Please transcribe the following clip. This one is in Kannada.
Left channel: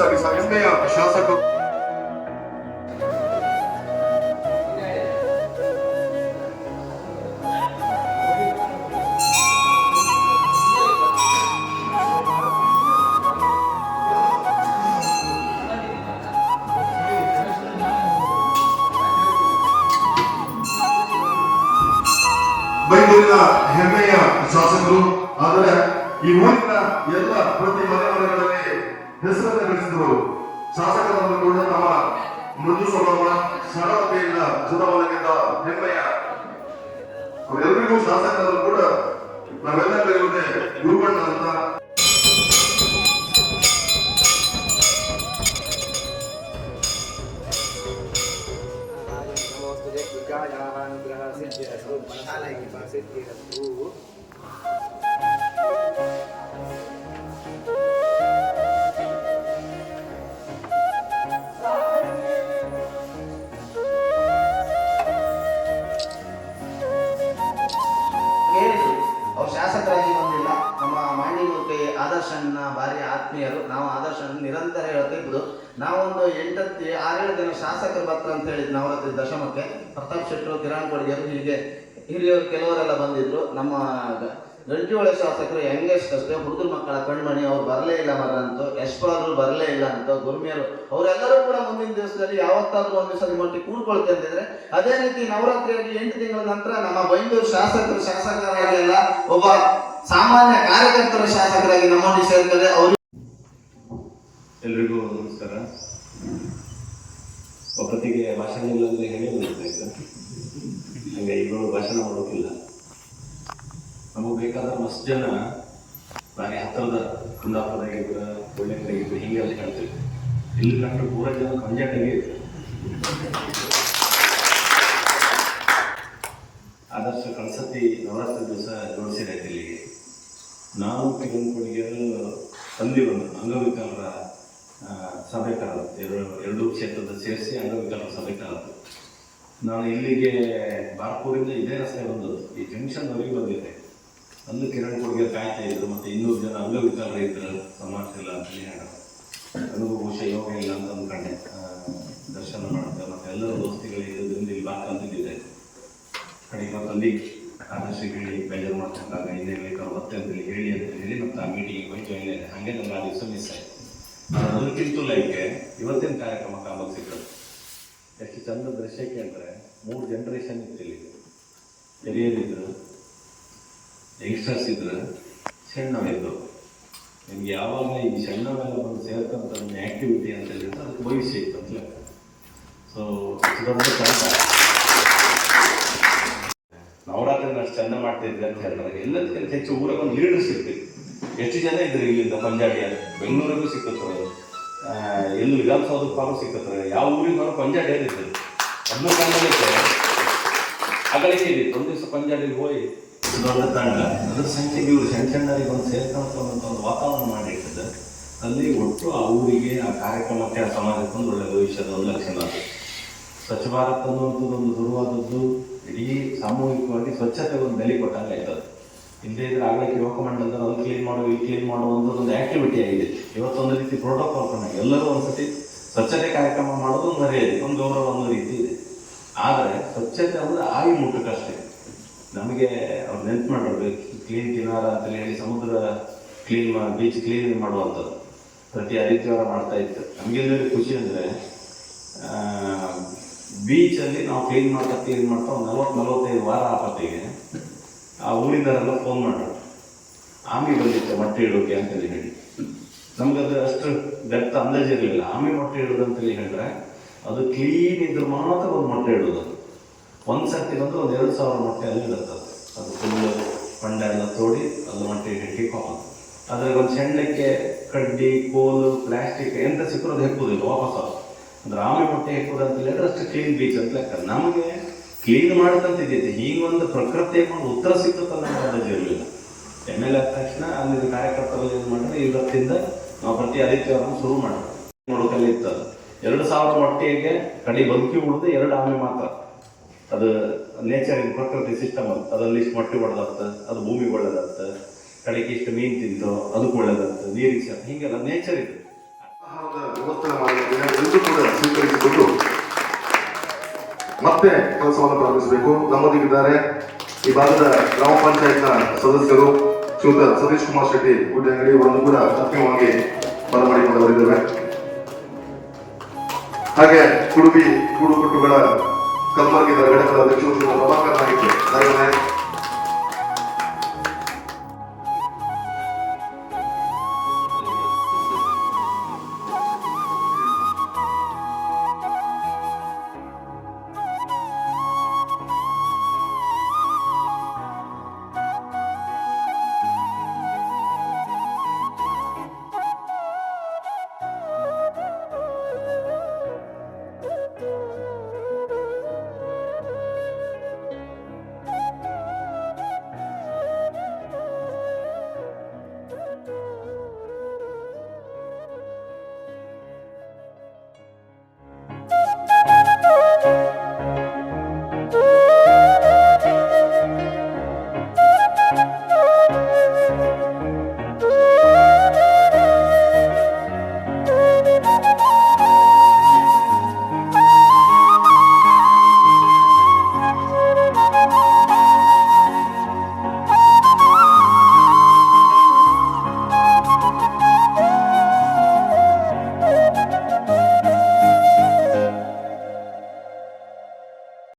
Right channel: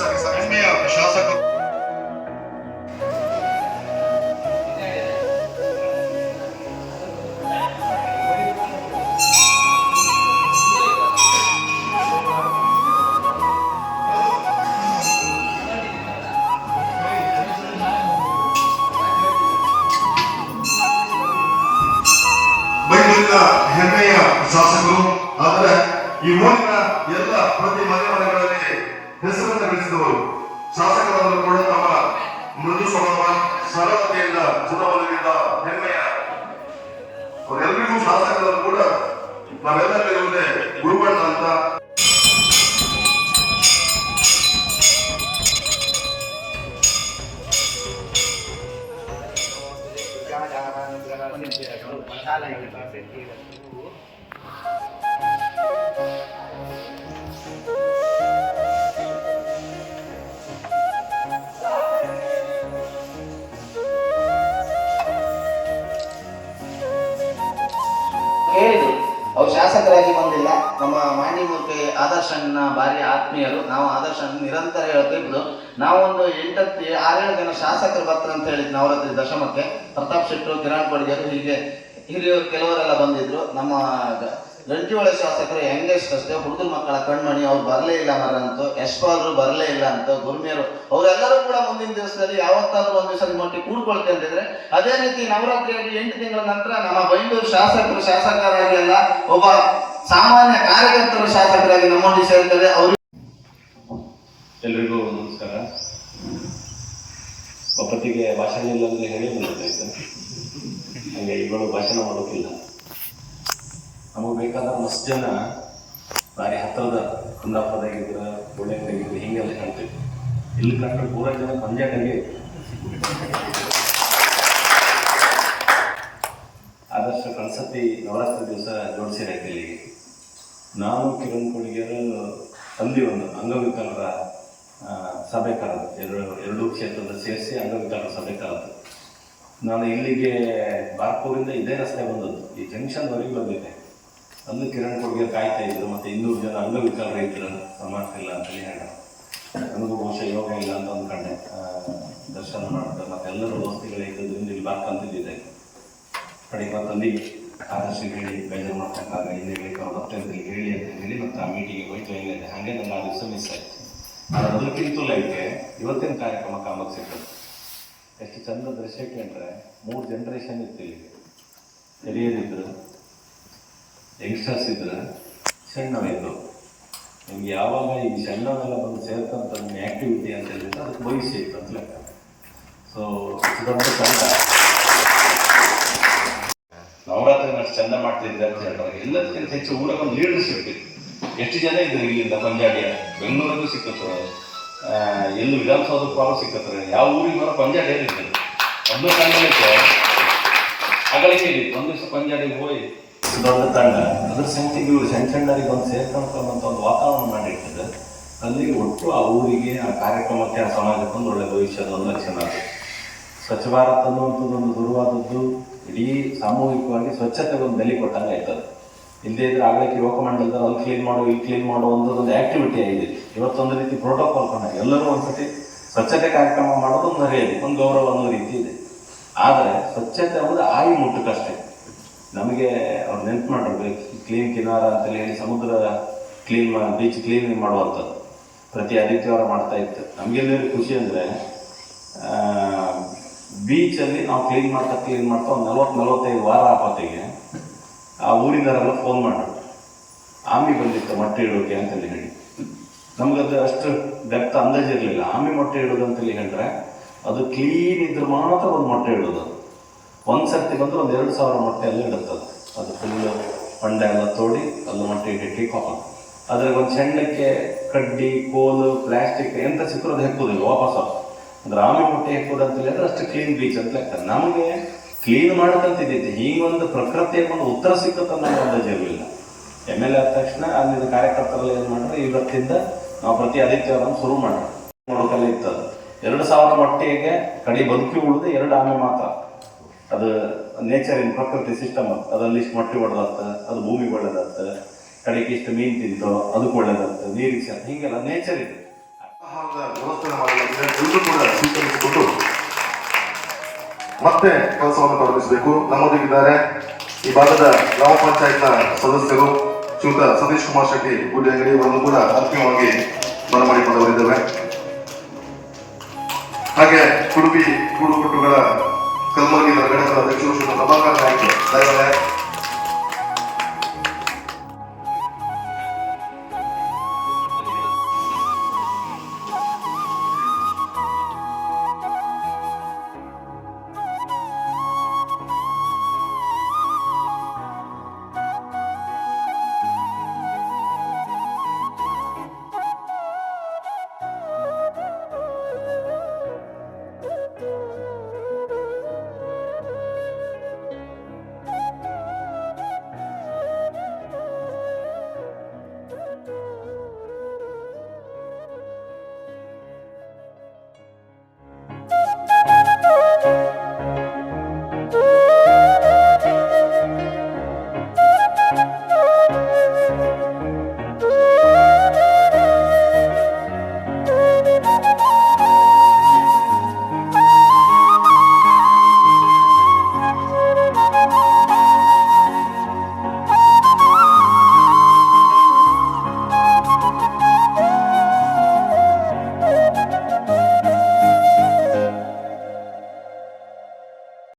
ಹೆಮ್ಮೆಯ ಶಾಸಕರು ಹೆಮ್ಮೆಯ ಶಾಸಕರು. ಆದರೆ ಈ ಊರಿನ ಎಲ್ಲ ಪ್ರತಿ ಮನೆಗಳಲ್ಲಿ ಹೆಸರನ್ನು ಗಳಿಸಿದವರು ಶಾಸಕರನ್ನು ಕೂಡ ತಮ್ಮ ಮೃದು ಸ್ವಭಾವ ಸರಳತೆಯಿಂದ ಜುನಮಲಗಿದ್ದ ಹೆಮ್ಮೆಯ ಅವರೆಲ್ಲರಿಗೂ ಶಾಸಕರನ್ನು ಕೂಡ ನಾವೆಲ್ಲರಿಗೂ ಗುರುಬಣ್ಣ ಅಂತ ಅವ್ರು ಶಾಸಕರಾಗಿ ಬಂದಿಲ್ಲ. ನಮ್ಮ ಮಾಂಡಿಮೂರ್ತಿ ಆದರ್ಶನ ಭಾರಿ ಆತ್ಮೀಯರು. ನಾವು ಆದರ್ಶನ ನಿರಂತರ ಹೇಳ್ತಿದ್ದು ನಾವೊಂದು 6-7 ಜನ ಶಾಸಕರು ಬರ್ತಾರೆ ಅಂತ ಹೇಳಿದ್ ನವರಾತ್ರಿ ದಶಮಕ್ಕೆ. ಪ್ರತಾಪ್ ಶೆಟ್ಟರು, ಕಿರಣ್ ಕೊಡ್ಗೆರು, ಹೀಗೆ ಹಿರಿಯರು ಕೆಲವರೆಲ್ಲ ಬಂದಿದ್ರು. ನಮ್ಮ ಗಂಟಿಹೊಳೆ ಶಾಸಕರು ಯಂಗೆಸ್ಟ್ ಅಷ್ಟೇ, ಹುಡುಗರ ಮಕ್ಕಳ ಕಣ್ಮಣಿ, ಅವ್ರು ಬರಲೇ ಇಲ್ಲ ಮರಂತೂ. ಯಶ್ಪಾಲರು ಬರಲೇ ಇಲ್ಲ ಅಂತ, ಗುರ್ಮಿಯರು ಅವರೆಲ್ಲರೂ ಕೂಡ ಮುಂದಿನ ದಿವಸದಲ್ಲಿ ಯಾವತ್ತಾದ್ರೂ ಒಂದು ದಿವಸ ಮಟ್ಟಿಗೆ ಕೂಡ್ಕೊಳ್ತಿದ್ರೆ ಅದೇ ರೀತಿ ನವರಾತ್ರಿಯಾಗಿ 8 ತಿಂಗಳ ನಂತರ ನಮ್ಮ ಬೈಂದೂರು ಶಾಸಕರು ಶಾಸಕರಾಗಿ ಅಲ್ಲ, ಒಬ್ಬ ಸಾಮಾನ್ಯ ಕಾರ್ಯಕರ್ತರು ಶಾಸಕರಾಗಿ ನಮ್ಮೊಂದಿಗೆ ಸೇರ್ತಾರೆ. ಅವರು ಎಲ್ರಿಗೂ ನಮಸ್ಕಾರ. ಒಬ್ಬತ್ತಿಗೆ ಭಾಷಣ ಇಲ್ಲ ಅಂದ್ರೆ ಹೇಳಿ ಬಂದಿರ್ತಾಯಿತ್ತು, ಹಂಗೆ ಇವರು ಭಾಷಣ ಮಾಡೋಕ್ಕಿಲ್ಲ. ನಮಗೆ ಬೇಕಾದ ಮಸ್ತ್ ಜನ ಭಾರಿ ಹತ್ತಿರದ ಕುಂದಾಪುರದಾಗಿದ್ರು, ಒಳ್ಳೆದಾಗಿದ್ರು, ಹೀಗೆಲ್ಲ ಹೇಳ್ತೀವಿ. ಇಲ್ಲಿ ಕಂಡ್ರೆ ಪೂರ ಜನ ಕಂಜಾಟಾಗಿ ಆದರ್ಶ ಕಳ್ಸತಿ ನವರಾತ್ರಿ ದಿವಸ ಜೋಡಿಸಿರೈತೆ ಇಲ್ಲಿಗೆ. ನಾವು ಕಿರಣ್ ಕೊಡ್ಗೆರು ತಂದೆ ಒಂದು ಅಂಗವಿಕಲರ ಸಭೆ ಕಾಲತ್ತು, ಎರಡು ಕ್ಷೇತ್ರದ ಸೇರಿಸಿ ಅಂಗವಿಕಲರ ಸಭೆ ಕಾಲತ್ತು. ನಾನು ಇಲ್ಲಿಗೆ ಬಾರ್ಪೂರಿಂದ ಇದೇ ರಸ್ತೆ ಬಂದದ್ದು, ಈ ಜಂಕ್ಷನ್ವರೆಗೆ ಬಂದಿದ್ದೆ. ಅಲ್ಲಿ ಕಿರಣ್ ಕೊಡ್ಗೆ ಕಾಯ್ತಾ ಇದ್ರು, ಮತ್ತು 200 ಜನ ಅಂಗವಿಕಲರ ಇದ್ರು, ಸಮಾಜಕ್ಕೆಲ್ಲ ಅಂತೇಳಿ ಹೇಳ. ನನಗೂ ಬಹುಶಃ ಯೋಗ ಇಲ್ಲ ಅಂತ ಅಂದ್ಕೊಂಡೆ. ದರ್ಶನ ಮಾಡ್ತಾರೆ ಮತ್ತು ಎಲ್ಲರೂ ದೋಸ್ತಿಗಳಿದ್ದು ಇಲ್ಲಿ ಬಾರ್ಕಂತಿದ್ದೆ. ಕಡೆಗೆ ಮತ್ತಲ್ಲಿ ಆದರ್ಶ ಹೇಳಿ ಬೇಜಾರು ಮಾಡ್ತಕ್ಕಾಗ ಇಲ್ಲಿ ಬರ್ತಂತೇಳಿ ಹೇಳಿ ಅಂತ ಹೇಳಿ ಮತ್ತು ಆ ಮೀಟಿಂಗಿಗೆ ಹೋಯ್ತು. ಏನಿದೆ ಹಾಗೆ ನಮ್ಮ ದಿವಸ ಮಿಸ್ ಆಯಿತು. ಅದಕ್ಕಿಂತೂ ಲೈಫ್ಗೆ ಇವತ್ತಿನ ಕಾರ್ಯಕ್ರಮ ಕಾಮಕ್ಕೆ ಸಿಗ್ತದೆ. ಎಷ್ಟು ಚಂದ ದೃಶ್ಯಕ್ಕೆ ಅಂದರೆ 3 ಜನರೇಷನ್ ಇತ್ತು ಇಲ್ಲಿ. ಹಿರಿಯರಿದ್ರು, ಯಂಗ್ಸ್ಟರ್ಸ್ ಇದ್ರು, ಸಣ್ಣವಿದ್ರು. ನಿಮ್ಗೆ ಯಾವಾಗ ಈ ಸಣ್ಣವೆಲ್ಲ ಬಂದು ಸೇರ್ತಂತ ಆ್ಯಕ್ಟಿವಿಟಿ ಅಂತ ಹೇಳಿದ್ರೆ ಅದಕ್ಕೆ ಭವಿಷ್ಯ ಇತ್ತು ಅಂತ ಲೆಕ್ಕ. ಸೊ ನವರಾತ್ರಿ ಅಷ್ಟು ಚಂದ ಮಾಡ್ತಿದ್ದೆ ಅಂತ ಹೇಳ್ತಾರೆ. ಎಲ್ಲದಕ್ಕಿಂತ ಹೆಚ್ಚು ಊರಾಗ ಒಂದು ಲೀಡರ್ಶಿಪ್ ಇತ್ತು. ಎಷ್ಟು ಜನ ಇದ್ರು ಇಲ್ಲಿಂದ ಪಂಜಾಬಿಯ ಬೆಂಗಳೂರಲ್ಲೂ ಸಿಕ್ಕತ್ರು, ಎಲ್ಲೂ ವಿಧಾನಸೌಧಕ್ಕೆ ಪಾಲು ಸಿಕ್ಕತ್ತಾರೆ. ಯಾವ ಊರಿಗೆ ಬರೋ ಪಂಜಾಬಿ ಇರ್ತದೆ. ಅದನ್ನು ಕಂಡಲಿಕ್ಕೆ ಅಗಲಿಕೆ ಇದ್ದಿತ್ತು. ಒಂದು ದಿವಸ ಪಂಜಾಬಿಗೆ ಹೋಗಿ ದೊಡ್ಡ ತಂಡ ಅದ್ರ ಸಂಖ್ಯೆಗೆ ಇವರು ಸಣ್ಣರಿಗೆ ಒಂದು ಸೇರ್ಕೊಂತ ಒಂದು ವಾತಾವರಣ ಮಾಡಿರ್ತದೆ. ಅಲ್ಲಿ ಒಟ್ಟು ಆ ಊರಿಗೆ, ಆ ಕಾರ್ಯಕ್ರಮಕ್ಕೆ, ಆ ಸಮಾಜಕ್ಕೆ ಒಂದು ಒಳ್ಳೆಯ ಭವಿಷ್ಯದ ಒಂದು ಲಕ್ಷಣ. ಸ್ವಚ್ಛ ಭಾರತ್ ಅನ್ನುವಂಥದ್ದೊಂದು ಶುರುವಾದದ್ದು ಇಡೀ ಸಾಮೂಹಿಕವಾಗಿ ಸ್ವಚ್ಛತೆಗೆ ಒಂದು ಬೆಲೆ ಕೊಟ್ಟಂಗೆ ಆಯ್ತದೆ. ಇಲ್ಲದೇ ಇದ್ರೆ ಆಗಲಿಕ್ಕೆ ಯುವಕ ಮಂಡಲದ ಅಲ್ಲಿ ಕ್ಲೀನ್ ಮಾಡು, ಇಲ್ಲಿ ಕ್ಲೀನ್ ಮಾಡುವಂಥದ್ದೊಂದು ಆ್ಯಕ್ಟಿವಿಟಿ ಆಗಿದೆ. ಇವತ್ತೊಂದು ರೀತಿ ಪ್ರೋಟೋಕಾಲ್ ಕೊಂಡಾಗ ಎಲ್ಲರೂ ಒಂದ್ಸತಿ ಸ್ವಚ್ಛತೆ ಕಾರ್ಯಕ್ರಮ ಮಾಡೋದು ಒಂದು ಮರ್ಯಾದೆ, ಒಂದು ಗೌರವ ಅನ್ನೋ ರೀತಿ ಇದೆ. ಆದರೆ ಸ್ವಚ್ಛತೆ ಒಂದು ಆಯಿ ಮುಟ್ಟಕ್ಕಷ್ಟೇ. ನಮಗೆ ಅವ್ರು ನೆನ್ಪು ಮಾಡಿರ್ಬೇಕು, ಕ್ಲೀನ್ ಕಿನಾರ ಅಂತೇಳಿ ಹೇಳಿ ಸಮುದ್ರ ಕ್ಲೀನ್, ಬೀಚ್ ಕ್ಲೀನಿಂಗ್ ಮಾಡುವಂಥದ್ದು ಪ್ರತಿ ಆದಿತ್ಯವಾರ ಮಾಡ್ತಾ ಇತ್ತು. ನಮಗೆಲ್ಲ ಖುಷಿ ಅಂದರೆ ಬೀಚಲ್ಲಿ ನಾವು ಕ್ಲೀನ್ ಮಾಡ್ತಾ ಒಂದು 40-45 ವಾರ ಆಪತ್ತಿಗೆ ಆ ಊರಿನವರೆಲ್ಲ ಫೋನ್ ಮಾಡಿದ್ರು, ಆಮಿ ಬಂದಿತ್ತು ಮೊಟ್ಟೆ ಇಡೋಕೆ ಅಂತೇಳಿ ಹೇಳಿ. ನಮಗದು ಅಷ್ಟು ಡೆಪ್ತ್ ಅಂದಾಜಿರಲಿಲ್ಲ. ಆಮಿ ಮೊಟ್ಟೆ ಇಡೋದು ಅಂತೇಳಿ ಹೇಳಿದ್ರೆ ಅದು ಕ್ಲೀನ್ ಇದ್ರೆ ಮಾತ್ರ ಒಂದು ಮೊಟ್ಟೆ ಇಡೋದು. ಒಂದು ಸರ್ತಿ ಬಂದು ಒಂದು 2000 ಮೊಟ್ಟೆ ಎಲ್ಲ ಇಡುತ್ತದೆ. ಅದು ಫುಲ್ಲು ಪಂಡೆ ಎಲ್ಲ ತೋಡಿ ಅದು ಮೊಟ್ಟೆ ಇಟ್ಟು ಹಾಕೋದು. ಅದ್ರಾಗ ಒಂದು ಸಣ್ಣಕ್ಕೆ ಕಡ್ಡಿ, ಕೋಲು, ಪ್ಲಾಸ್ಟಿಕ್ ಎಂತ ಸಿಕ್ಕರು ಅದು ಹೆಕ್ಕುದಿಲ್ಲ ವಾಪಸ್. ಅಂದ್ರೆ ಆಮೆ ಮೊಟ್ಟೆ ಹೆಕ್ಕುದು ಅಂತ ಹೇಳಿದ್ರೆ ಅಷ್ಟು ಕ್ಲೀನ್ ಬೀಚ್ ಅಂತ ಲೆಕ್ಕ. ನಮಗೆ ಕ್ಲೀನ್ ಮಾಡೋದಂತಿದ್ದೈತೆ, ಹೀಗೊಂದು ಪ್ರಕೃತಿಯ ಒಂದು ಉತ್ತರ ಸಿಕ್ಕುತ್ತೆ ಅನ್ನೋ ಅಂದಾಜು ಇರಲಿಲ್ಲ. MLA ಆದ ತಕ್ಷಣ ಅಲ್ಲಿ ಕಾರ್ಯಕರ್ತರು ಏನು ಮಾಡಿದ್ರೆ ಇವತ್ತಿಂದ ನಾವು ಪ್ರತಿ ಆದಿತ್ಯವಾರ ಶುರು ಮಾಡಿದ್ವಿ. ನೋಡೋಕಲ್ಲೇ ಇರ್ತದೆ 2000 ಮೊಟ್ಟೆಗೆ ಕಡೆ ಬದುಕಿ ಉಳಿದು 2 ಆಮೆ ಮಾತ್ರ. ಅದು ನೇಚರಿನ ಪ್ರಕೃತಿ ಸಿಸ್ಟಮ್. ಅದ್ರಲ್ಲಿ ಇಷ್ಟು ಮೊಟ್ಟೆ ಹೊಡೆದಾಗ್ತದೆ, ಅದು ಭೂಮಿಗೆ ಒಳ್ಳೇದಾಗ್ತದೆ. ಕಡೆಗೆ ಇಷ್ಟು ಮೀನು ತಿಂತು ಅದಕ್ಕೆ ಒಳ್ಳೇದಾಗ್ತದೆ, ನೀರಿಗೆ ಹೀಗೆಲ್ಲ ನೇಚರ್ ಇದೆ. ವ್ಯವಸ್ಥೆ ಮಾಡಲಾಗಿದೆ. ಎಲ್ಲರೂ ಕೂಡ ಸ್ವೀಕರಿಸಿಕೊಂಡು ಮತ್ತೆ ಕೆಲಸವನ್ನು ಪ್ರಾರಂಭಿಸಬೇಕು. ನಮ್ಮೊಂದಿಗಿದ್ದಾರೆ ಈ ಭಾಗದ ಗ್ರಾಮ ಪಂಚಾಯತ್ನ ಸದಸ್ಯರು ಶ್ರೀಯುತ ಸತೀಶ್ ಕುಮಾರ್ ಶೆಟ್ಟಿ ಗುಡ್ಡೆಂಗಡಿ ಅವರನ್ನು ಕೂಡ ಅಂತಿಮವಾಗಿ ಬರಮಾಡಿಕೊಂಡವರಿದ್ದೇವೆ. ಹಾಗೆ ಕುಡುಬಿ ಕೂಡುಕಟ್ಟುಗಳ ಕಲ್ಮರ್ಗಿ ಘಟಕದ ಅಧ್ಯಕ್ಷರು ಶ್ರೀ ಪ್ರಭಾಕರ್ ನಾಯ್ಕ